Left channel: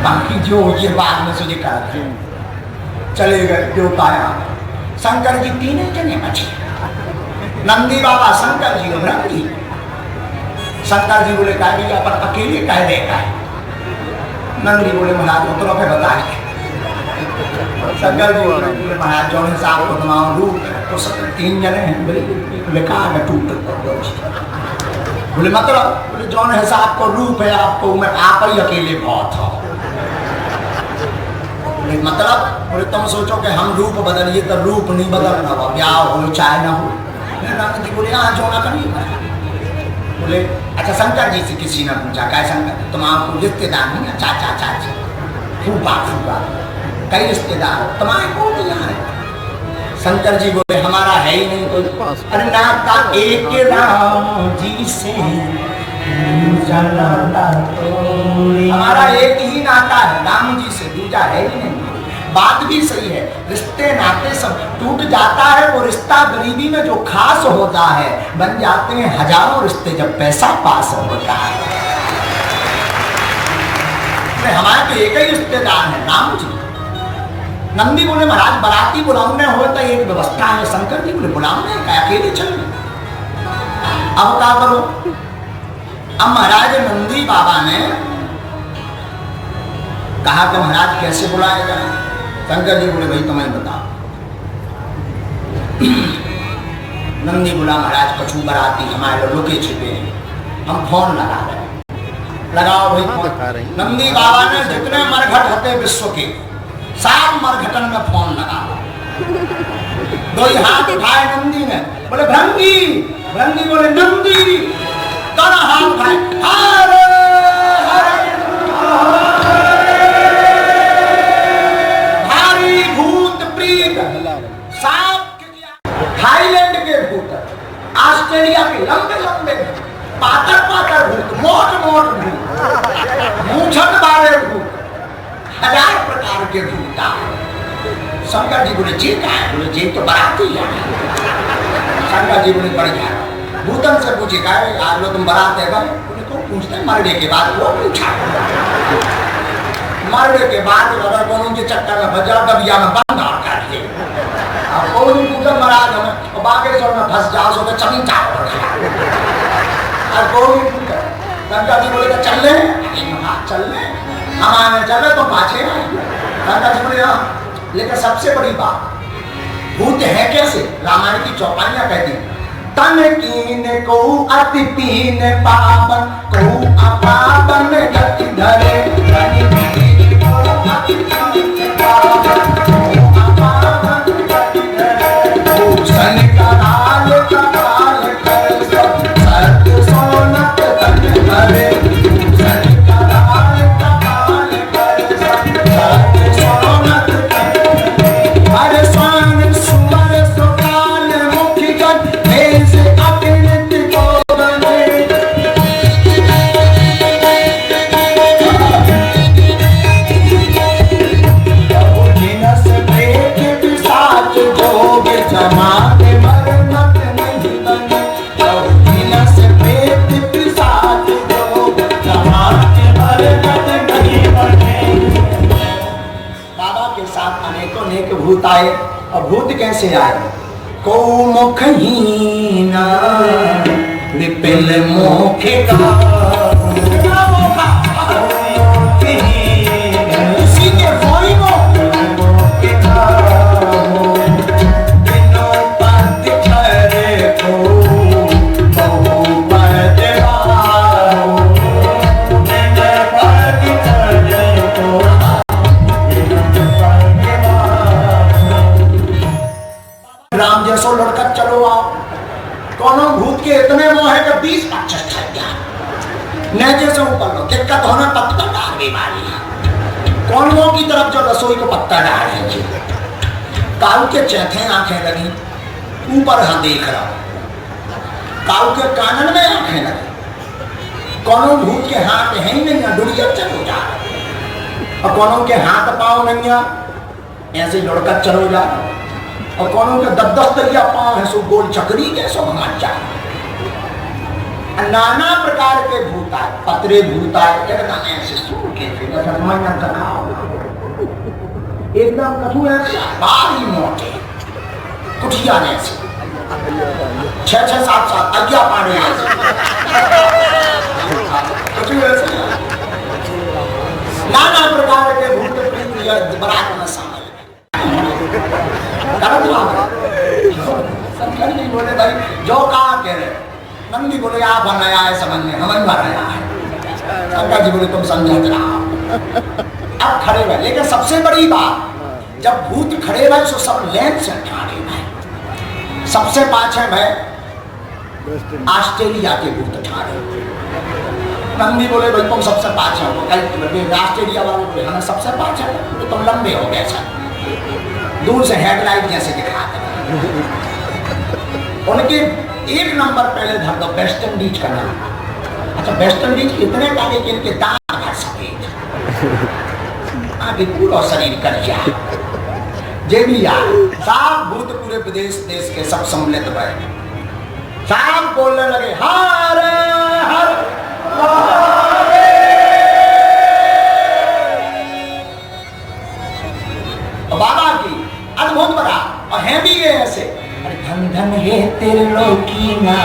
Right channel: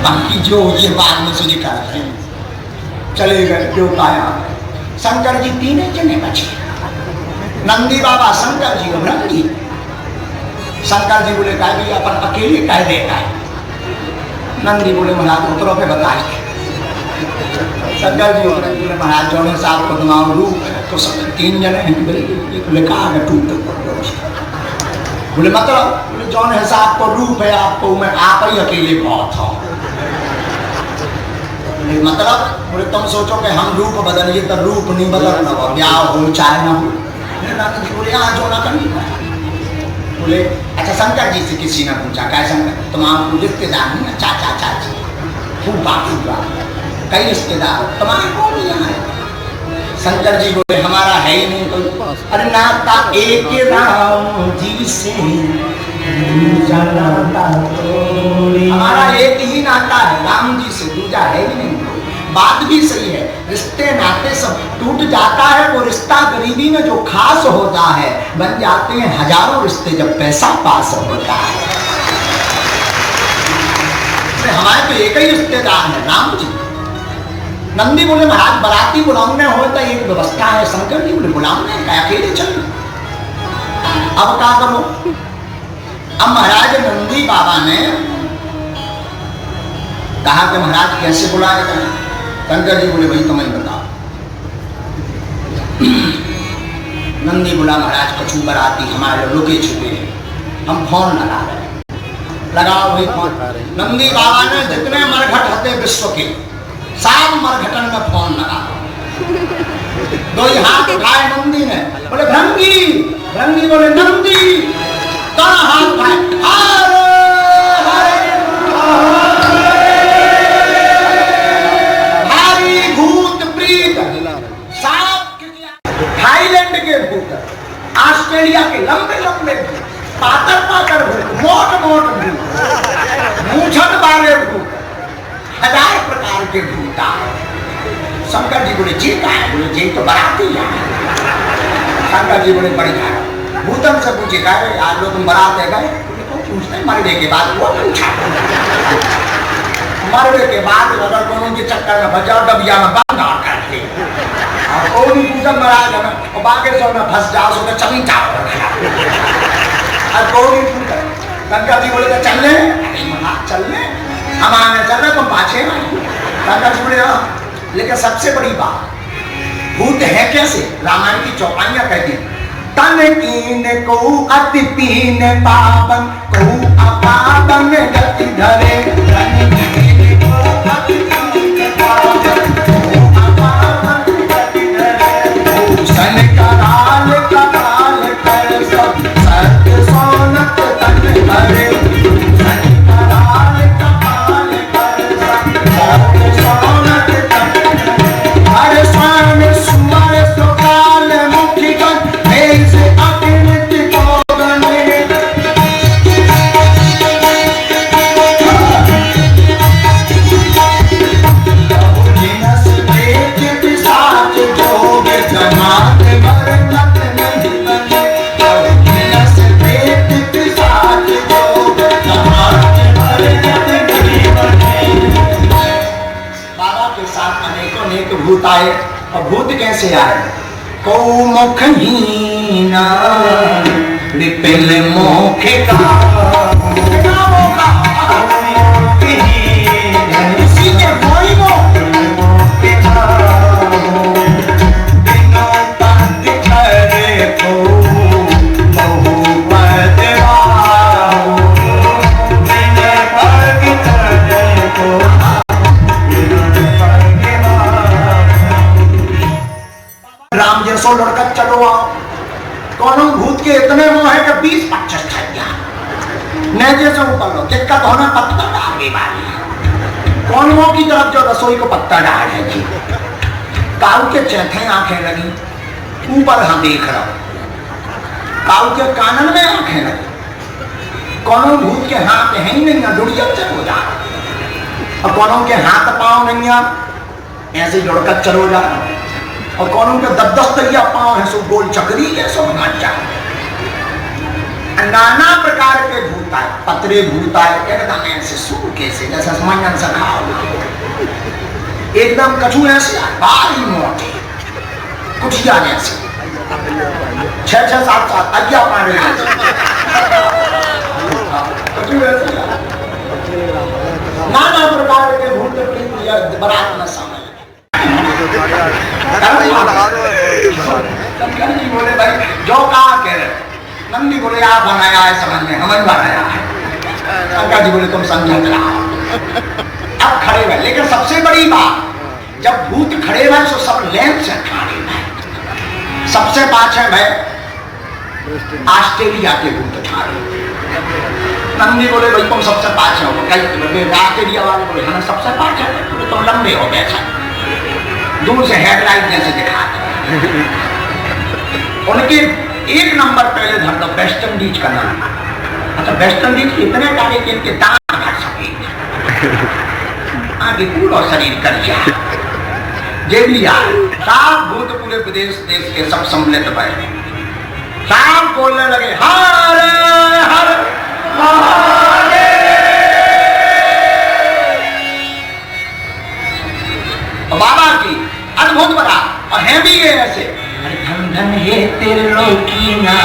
बाकी जो ये बाद में सुझे कर चले गए जो पाया। शंकर जी तीन जने बचे, नंदी बाबा, शंकर जी और ब्रह्म जी। शंकर जी बोले कह दिया पर अकेले कह देगा। नंदी बोले महाराज उतरो पे बता के। शंकर जी बोले महाराज जो साहब को तुम्हारा रूप तो सब तीन जने हैं। बोले कहा मैं टूट बोले मतलब बोले जौन है साहब को रूप है आपको मैं आप ही अकेले बहुत हो। मतलब बोले तुम सोचो कि हम रूप बदलिए तो रूप नहीं बदलना हो, ब्याह हो चाहे ना हो। बोले हाँ जो ना करिए। बोले अच्छा शंकर जी से किसी ने पूछा क्या शंकर तुम आपको रिश्तेदार नहीं है, चाचा चाची फूफा फूफा कई रिश्तेदार तुम्हारे कौन यहाँ है? शंकर जी बोले हमारा है ही नहीं कोई। अरे नाता एक राम जी से हमारा एक ही नाता है, राम जी से दूजा है ही नहीं। बात भी सही है, रिश्ते नाते सब टूट जाता है। वो रिश्ता गरीबी में जो खास होता है बन जाते हैं हजारों रिश्ते जब पैसा पास होता है। हमारे तो एक ही रिश्तेदार है राम जी। नंदी बोले महाराज बराती बुलाने हो तो एक व्यवस्था है। शंकर जी बोले बुलाने का अकेले चलो। अब क्या करो? अब महाराज नंदी बाबा ने कहा कि महाराज कैसे बुलाया जाए? शंकर जी बोले भाई तुम्हें बताओ। नंदी बोला महाराज कछु बराती हमारे लुके छिपे हैं, हम फोन लगा रहे हैं। लगाओ भाई फोन। नंदी बाबा ने जितने मरघट होते विश्व के सब मरघटन में फोन लगा। दो हाथ उठाए नंदी ने, बोले भृंगी। भृंगी बोले नंदी। दोनों हाथ उठाए थाईलैंड के भूत, ऑस्ट्रेलिया के लंबे लंबे पातर पातर भूत, मोट मोट भूत, मूंछन वाले भूत, हजार प्रकार के भूत। शंकर जी बोले जी का है? बोले जी तो बाराती है। शंकर जी बोले बढ़िया। भूतन से पूछे गए आज लोग तुम बारात है गए? बोले तो पूछते मरने के बाद वो पूछा। मरने के बाद अगर दोनों के चक्कर में बजा दबिया में बंद और करते और कोई पूजन महाराज हमें और बाकी सब में फंस जाओ सो तो चमचा और कोई पूजन गंगा जी बोले चलने चलने हम आगे चल रहे तो पाछे गंगा जी बोले लेकिन सबसे बड़ी बात भूत है कैसे? रामायण की चौपाइयां कहती तन कीन को अति पीन पावन को अपावन गति धरे भूत आए। और भूत कैसे आए? को मुखहीना विपिल मोख का लड़का चलो आओ। दोनों भूत के इतने मोह है कि 20-25 खा गया। नेजे से ऊपर लो दिक्कत होना पत्ता डाल बीमारी। कौनों की तरफ जो रसोई को पत्ता डाल है काऊ के चौथे आंखें लगी ऊपर हाँ देख रहा। काऊ के कानन में आंखें लगी। कौनों भूत के हाथ है ही नहीं, दुड़िया से हो जा। और कौनों के हाथ पाँव नहीं ऐसे लड़का चलो जा। और कौनों के 10-10 तरिया पाँव है सो गोल चक्री है सो नाचा। नाना प्रकार के भूत आए, पतरे भूत आए, एकदम ऐसे सूर कैसे जैसा समझना सखा, एकदम कछू ऐसे भारी मोटे, कुटिया ऐसे 6-6, 7-7 अज्ञा पांडे ऐसे, कछू ऐसे नाना प्रकार के भूत बरात में शामिल। शंकर जी बोले भाई जो कहा कह रहे, नंदी बोले आप बनाया है समझ में, हमें बनाया है। शंकर जी बोले तुम समझ रहा। अब खड़े हुए, लेकिन सबसे बड़ी बात जब भूत खड़े हुए तो सब लेन से खड़े हुए, सबसे पाछे में ऑस्ट्रेलिया के भूत खड़े। नंदी बोले भाई तुम सबसे पाछे हो, ऑस्ट्रेलिया वाले बोले हमें सबसे पाछे हो, तुम लंबे हो गए सर, दूर से हेडलाइट जैसे दिखाते। उनके एक नंबर पहले धर दो वेस्ट इंडीज का नाम। अच्छा वेस्ट इंडीज इतने काले कि इनके दांत भर सके, आगे पूरा शरीर कर जाए। जेलिया साफ भूत पूरे विदेश देश के सब सम्मिलित बैठे, साफ बोलने लगे हर हर महादेव। बाबा की अद्भुत बता और है भी ये ऐसे, धन धन हे तेरे लोकी ना,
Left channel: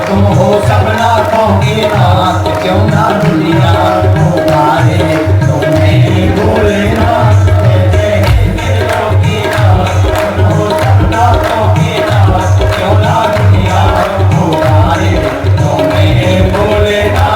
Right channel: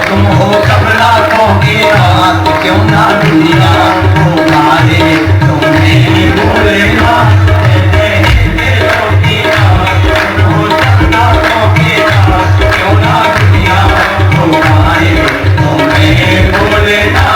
तुम हो सब लाखों के नाथ, क्यों ना दुनिया को मारे तुम्हें भूले ना। क्यों ना दुनिया को मारे तुम्हें भूले ना।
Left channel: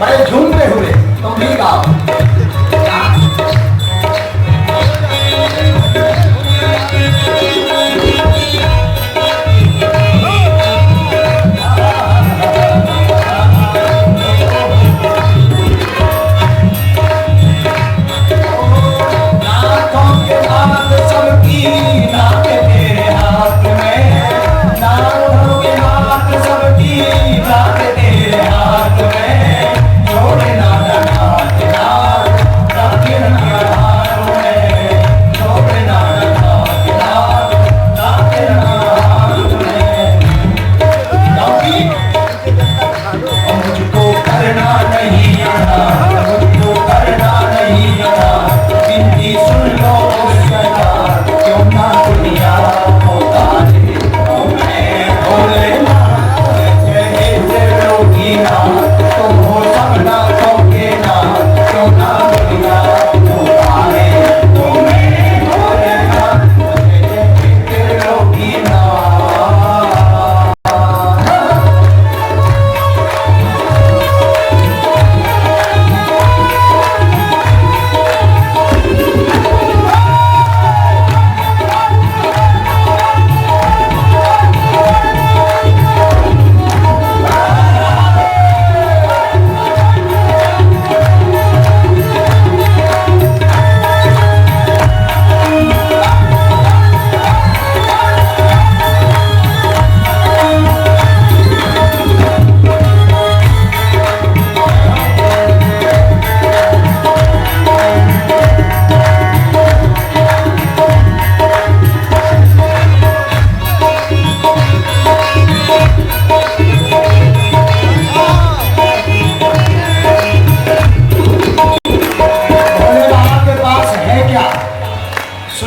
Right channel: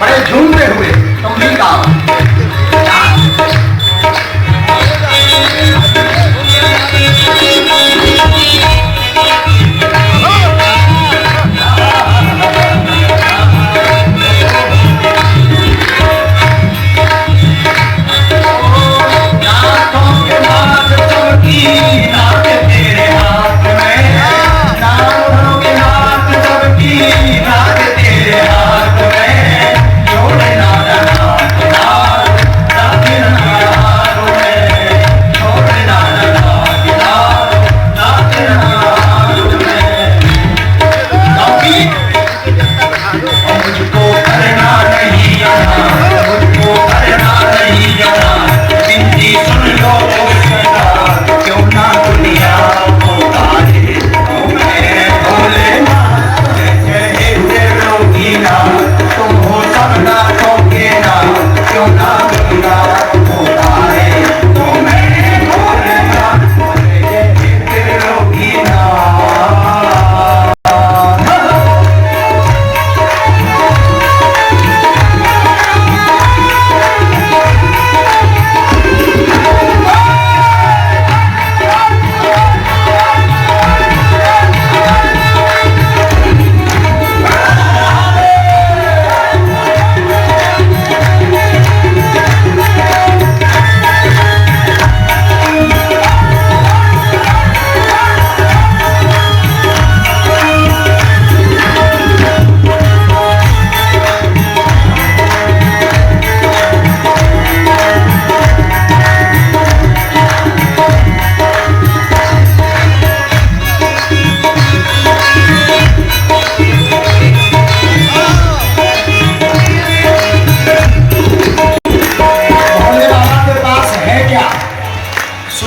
बड़े झूमते हुए तुम भी गाओ।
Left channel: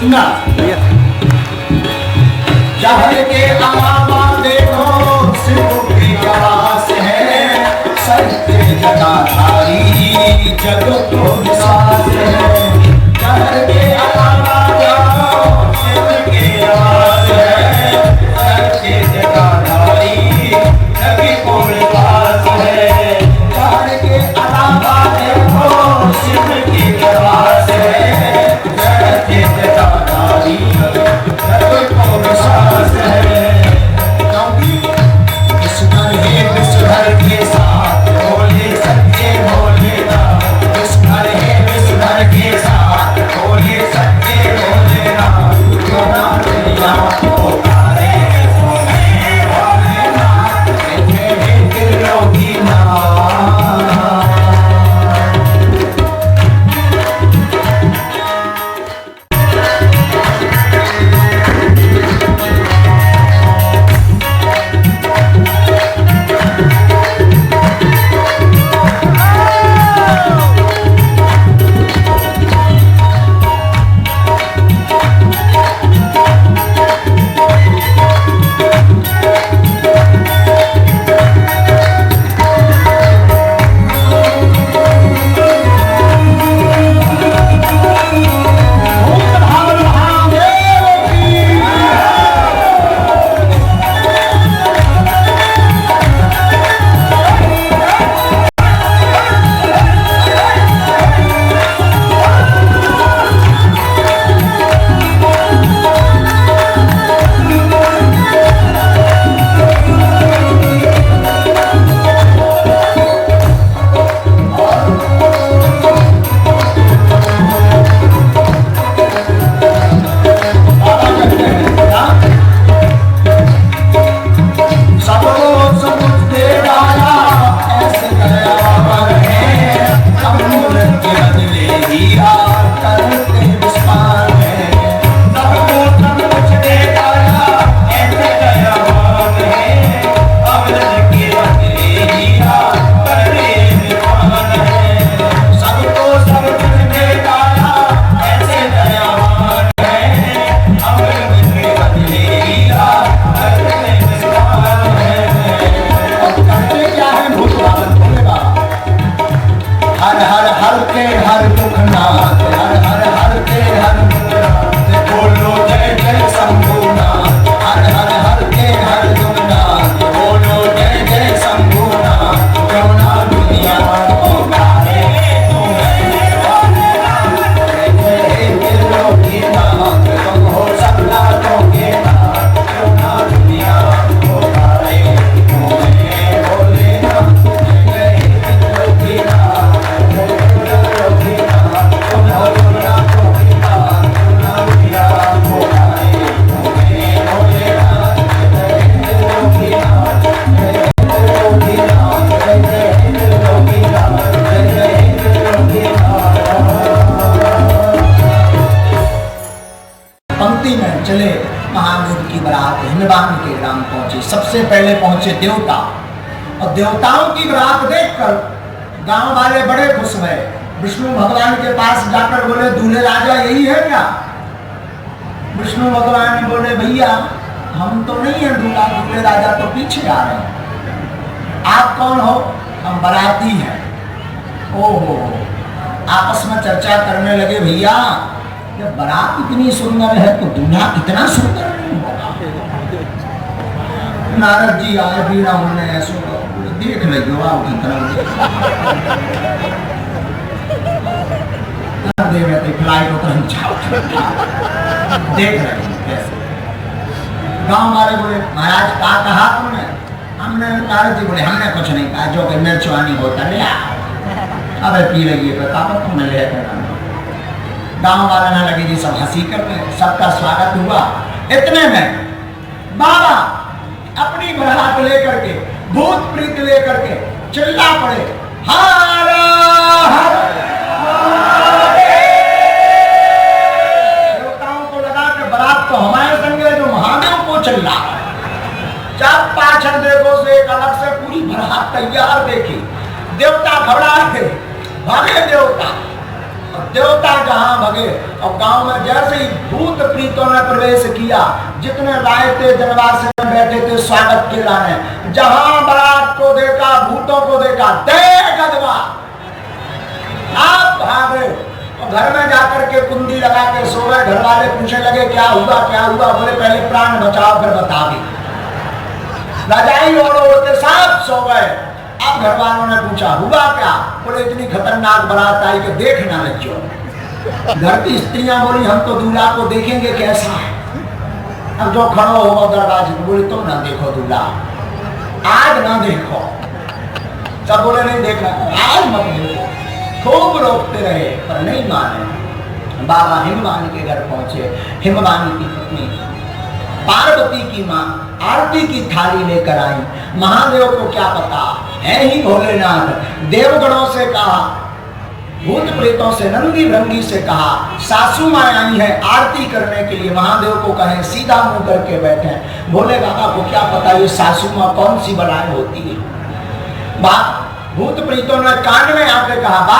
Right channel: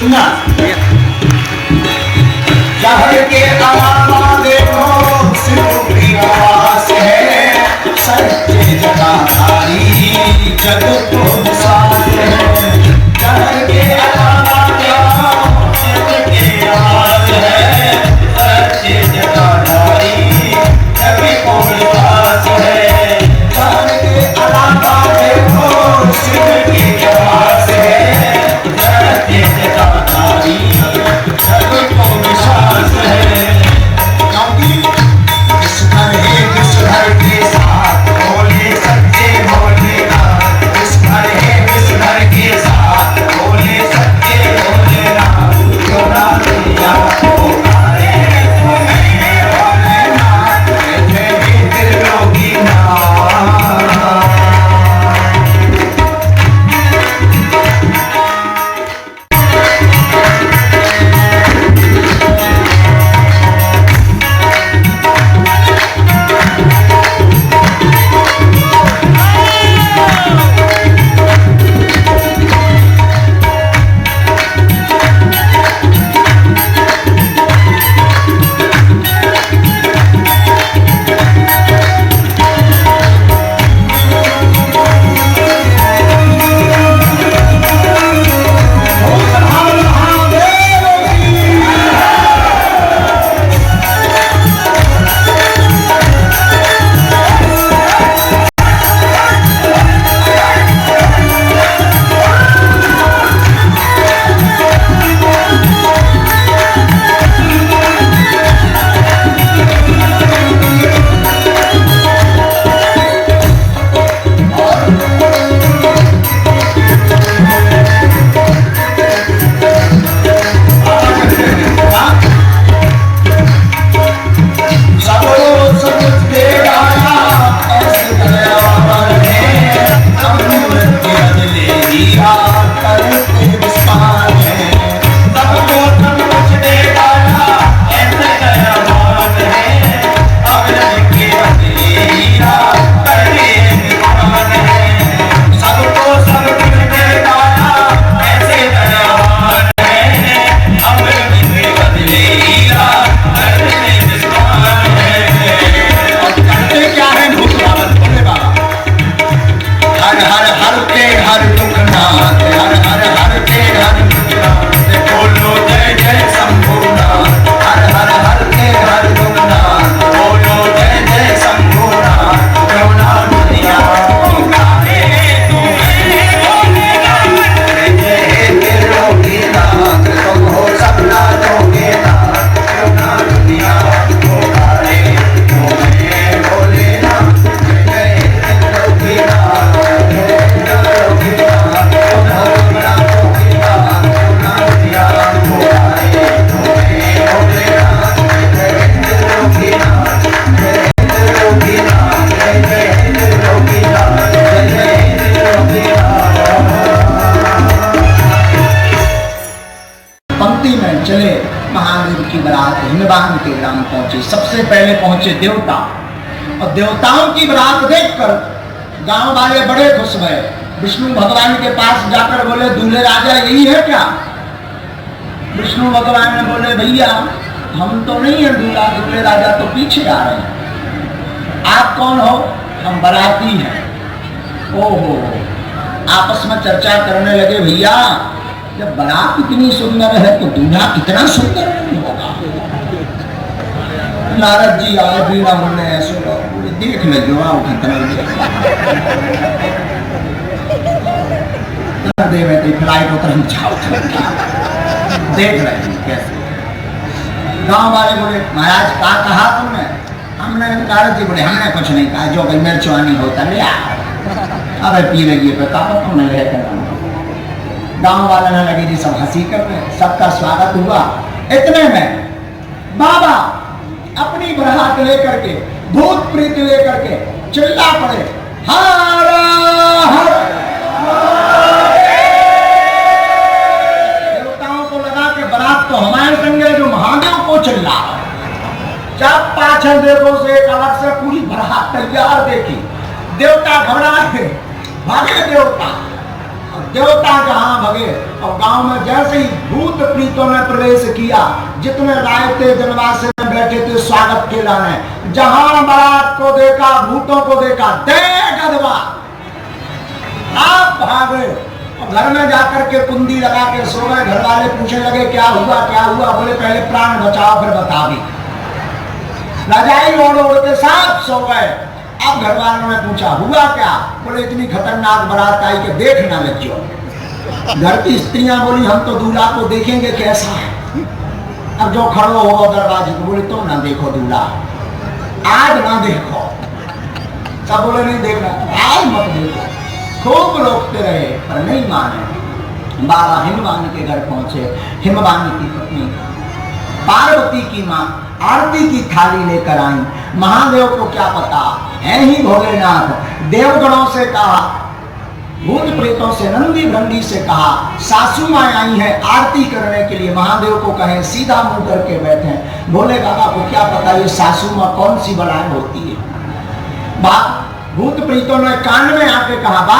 सुनना। जहर के अलावा देखो सिर्फ विकास है, सच्चे जटाधारी जग को निसास है। जहर के अलावा देखो जग के आस है, सच्चे जटाधारी जग को निसास है। जहर के अलावा देखो शिव की आस है, सच्चे जटाधारी जग को निसास है। क्योंकि इस घर है इस घर के साथ बोले सच्चे भोलेनाथ, इस घर है इस घर के साथ बोले सच्चे भोलेनाथ। क्यों ना दुनिया पुकारे तुम्हें भोलेनाथ, कहते हैं त्रिलोकी नाथ। सबसे पहले पहुंचे देवता, और देवताओं की बारात देखकर गांव वाले बड़े खुश हुए। विष्णु भगवान के पास जाकर बोले, दूल्हे राजा यही है क्या? विष्णु भगवान ने बोले, भैया हम तो नहीं है दूल्हा, दूल्हे राजा तो पीछे आ रहे हैं। आप कौन हो? हम बाराती हैं। ओहो, आपस में चर्चा करने लगे, भैया जब बारात इतनी सुंदर है तो दूल्हा इतना सुंदर नहीं होगा। नारद जी आए, बीड़ा बोले, ऐसे देख लो आप कितना फ्लाइट को हम देख रहे कैसे। गांव वाले बोले, महाराज क्या कहा तुमने? हमने, नारद जी बोले, हमने कुछ नहीं कहा, जो भाई मेरे चुवानी होता ले। अरे पी लगी प्रताप तुमने ले। गांव वाले ने लगी जी सब हंसी कर रहे, सबका स्वागत हुआ। इतने में बाबा अपनी बरात लेकर के, भूत प्रीत लेकर के चिल्ला पड़े, हर हर। देवताओं को लगा कि बारात तो हमारे संगे जो महादेव को चिल्ला है। जब पाछल देखो से एक अलग से पूरी बारात तैयार देखी, देवता घबरा गए, भागे देवता। और देवता कहाँ भगे। और गांव में जैसे ही भूत प्रीतों ने प्रवेश किया, जितने रायते जनवास में बैठे थे स्वागत के लाने, जहां बारात को देखा, भूतों को देखा, दे गदवा, आप भागे। घर में जाकर के कुंडी लगा के सो गए। घर वाले पूछने लगे क्या हुआ क्या हुआ। बोले पहले प्राण बचाओ फिर बता दी। रजाई ओढ़ ओढ़ के सब सो गए। अब घर वालों ने पूछा हुआ क्या। बोले इतनी खतरनाक बारात आई कि देखना बच्चों। घर की स्त्रियां बोली हम तो दूल्हा को देखेंगे कैसा है। अब जो खड़ो हो दरवाजे को, बोले तुम ना देखो दूल्हा, आज ना देखो। सब बोले नहीं देखना, आज मत देखो। खूब रोकते रहे पर नहीं माने। बाबा हिमवान के घर पहुंचे। हिमवान की पत्नी पार्वती की माँ आरती की थाली लेकर आई। महादेव को क्या पता है ही भोलेनाथ। देवगणों से कहा, भूत प्रेतों से, नंदी भृंगी से कहा, सासू माँ आई है आरती करने के लिए। महादेव को कहे सीधा मुंह करके बैठे। भोले बाबा को क्या पता ये सासू माँ कौन सी बड़ाई होती है। भूत प्रीतों ने कान में आके कहा बाबा